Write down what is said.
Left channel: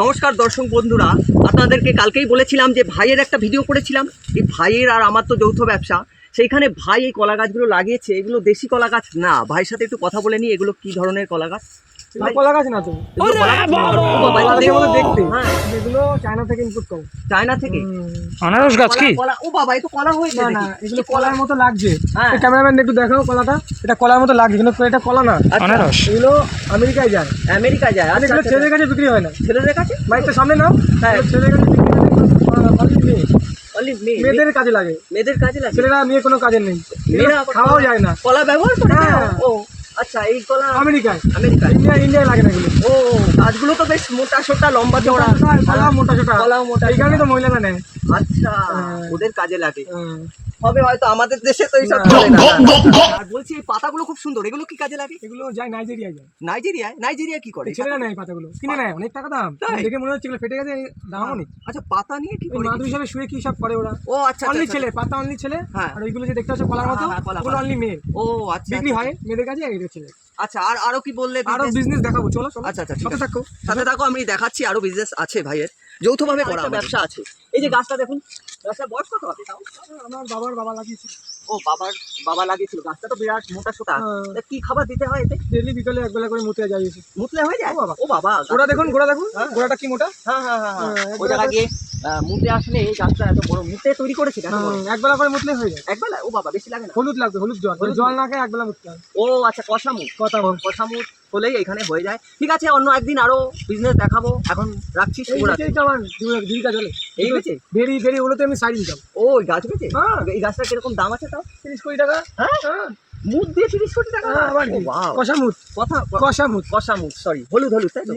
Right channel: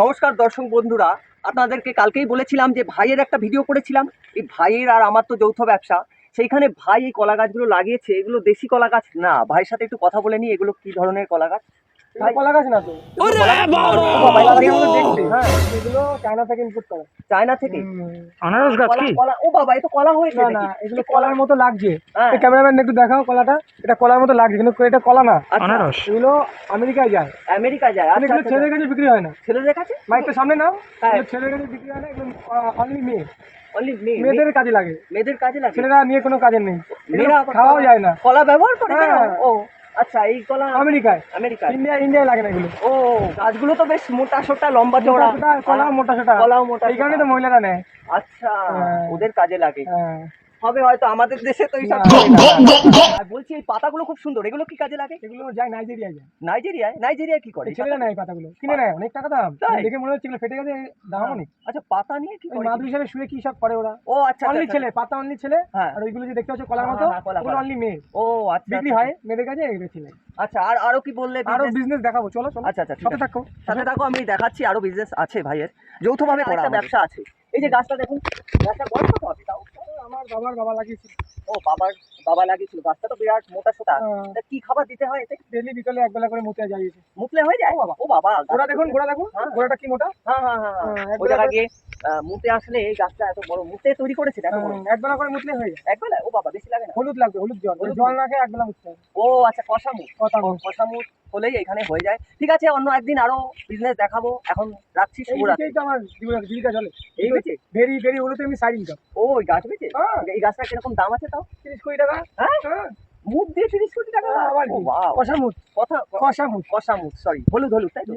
নমস্কার দর্শক বন্ধুরা, আপনাদেরকে কালকেই বলেছিলাম যে ভাইয়ের একটা ভিডিও করেছিলাম। এই ভাইয়ের আর আমার তো যৌথ ব্যবসা, সেইখানে ভাই এই কলা গাছগুলো লাগিয়েছে। এগুলো দেশি কলা গাছ না। ভাইয়ের সাথে একটু কথা বলে নিই, এগুলো কি ধরনের কলা গাছ? কলা গাছ না তো, দেখতে এগুলো চায়না থেকে ইম্পোর্ট করে। চায়না থেকে আনারস গাছ কি? ও বাবা, এই তো কলা হয়েছে। না, এগুলো কলার মতো লাগছে। ক্যামেরাম্যান একটু দেখাও কলাটা। এটা কলার মতো লাগছে কিন্তু এটা কলা না, আনারস। এগুলো আমেরিকায় যায়। আমেরিকায় যায়? এগুলো ছেলেদের কাছে বিক্রি হয় না। ছেলেদের কাছে? মাইকটা সামনে নাও। হ্যাঁ, ছেলেদের কাছে বিক্রি হয় না, অনলি মেয়ে। অনলি মেয়েদের কাজে লাগে। মেয়েদের কাজে লাগে? ছেলেরা নিয়ে কোনো কাজে নেই, মেয়েরা খাওয়াও যায় না। কলা ব্যবহার করে? ও আচ্ছা, এই কলা আমেরিকায় ইন্ডিয়ায় লাগে না এগুলো। ও, গাছগুলো তো বেশ মোটা সোটা, লম্বা চওড়া, কলাও মোটা সোটা। কলাও মোটা, এই কারণে তো মহিলারা নেয়। আচ্ছা, ওদের কাজে লাগে হবে হয়তো। আমাদের দেশে তো এইসব। আর বলছি, এই পাতাগুলো খুব সুন্দর, এগুলো কি কাজে লাগে? এগুলো যায় নাইজেরিয়ায় যায়। নাইজেরিয়ায় কি করে? ছেলেরা নেয় পাতাগুলো, কিনে নেয়, অনেক টাকা দাম। দেখে মনে হচ্ছে এগুলো ফেটে গেছে, দাম অনেক। আচ্ছা, পাতা নিয়ে কি করে? মাদু হিসাবে শুয়ে কি সব করে ওরা। ও আচ্ছা, অনলি ছেলে, পাতা অনলি ছেলে। আর ওইগুলো যে দেখতে হচ্ছে কলার মতো, ওগুলো অনলি মেয়ে। ও আচ্ছা, বিক্রি হয় মেয়েদের কাছে, এই ছেলে। আচ্ছা, আর আরো কি বললে? আরো বিজনেস দেখাবো, চলো। আচ্ছা, সাথে থাকো, আমি দেখাচ্ছি। আরো বিজনেস আছে ভাইয়ের, যৌথভাবে করা ব্যবসা আছে। এই যে গাছটা দেখুন, গাছটা বয়স কত হবে তাও? আমার বাবা লাগিয়েছিল। ও, বাবা লাগিয়েছিল। গাছটা তো বিরাট মোটা সোটা। কি খাবার দিতে হয় এতে? ডেইলি বিকালে একবেলা করে মুতে যাইয়েছে। মুতলে হয়ে যায়? ও বাবা, গোড়া দেখুন, গোড়াটা কি মোটা। ওই জায়গা গিয়ে মুতে আসলে এই গাছটা এত বড় মুতে তৈরি করেছে। একবেলা করে মুতলে হয়ে যায়। একবেলা? ও বাবা, বেশি লাগে না? হলুদ লাগবে, হলুদ জল না খেয়ে একবেলা মুততে হবে। ও আচ্ছা, কষামুখ হলেই এখানে হয়ে যায়। ঠিক আছে, অন্য একদিন আরো বিজনেস দেখাবো। এখন রাখছি। আমার জীবিকা চলে এই বেচে। ভেরি ওগুলো তো এমনি সাইড ইনকাম। ও, এই গাছ বেচে? এই গাছটা কিরকম দাম আছে তাও? 30 কোটি টাকা। মুদ দিয়ে 30 কোটি টাকা? কষামুখ, সরি, হলুদ, তাই তো?